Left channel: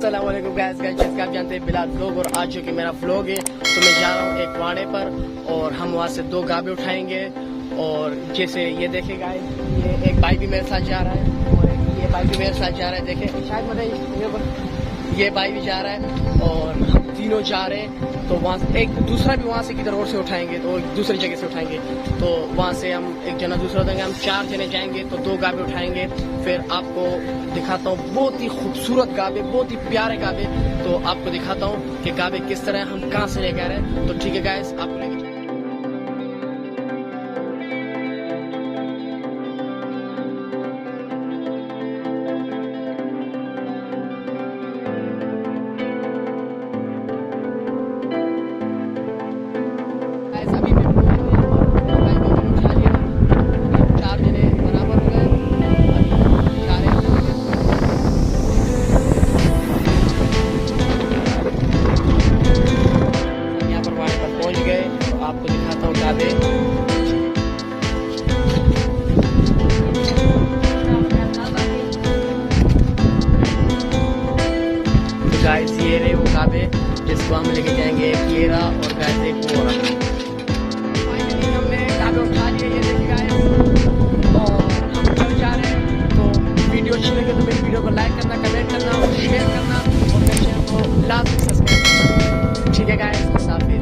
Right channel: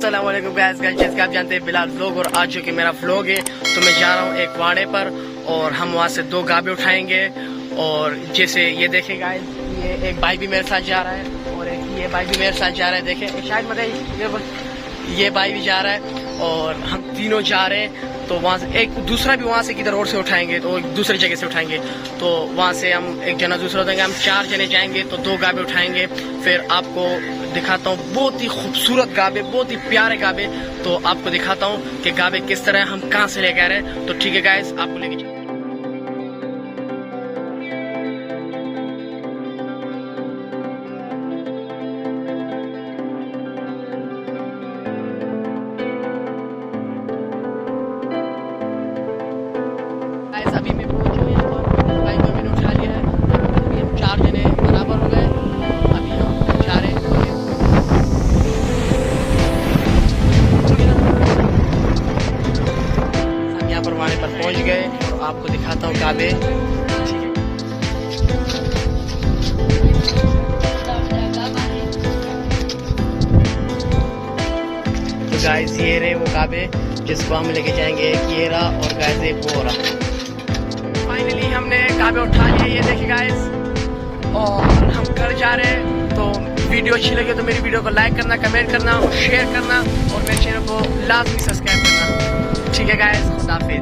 अस्सलाम वालेकुम गाइस, जैसे कि आप जानते हैं बिलाल व्लॉग और आज जो कि मेरा व्लॉग है तो मैं जा रहा हूँ एक वाड़े पर और हम वहाँ से 2 गाबे उठाएंगे। और जैसे ये देखें गाइस, ये एक भाई भी मेरे साथ जा रहा है और एक ये भाई भी मेरे साथ जा रहा है। देखें शायद मतलब ये भाई भी जा रहा है और हम तीनों जा रहे हैं। तो वहाँ से एक दूसरा भी वहाँ से किधर रोड से उठाएंगे, तो एक दूसरी जगह से उठाएंगे। तो वहाँ से हम एक जना दूसरा उठाएंगे, हम 4 जने जाएंगे तो 2 गाबे उठाएंगे। फिर आपको दिखाता हूँ बहुत ही खूबसूरत गाबे, बहुत ही प्यारे गाबे। तो आपको दिखाता हूँ कि गाबे किस तरह हम कहाँ से लेके आ रहे हैं। तो ठीक है गाइस, आपको लेके अभी मैं पहुंचा हूं यहाँ पर। भाई को मैंने उठा लिया है, अभी हम 4 जने बराबर हो गए। अभी हम जा रहे हैं। हम यहाँ पर वहां पर पहुंच गए और आपको दिखाता हूँ काबे। तो गाइस ये रहे वो काबे जिसको हम लेके जाएंगे। ये रहा और गाइस एक वो रहा। फाइनली हमने काबे उठा लिए, ये देखिए गाइस, और हम घर जा रहे हैं। तो वीडियो अच्छी लगी तो मेरी वीडियो को लाइक करना, कमेंट करना और शेयर करना और मेरे चैनल को लाजमी सब्सक्राइब करना। ठीक है गाइस, खुदा हाफिज़।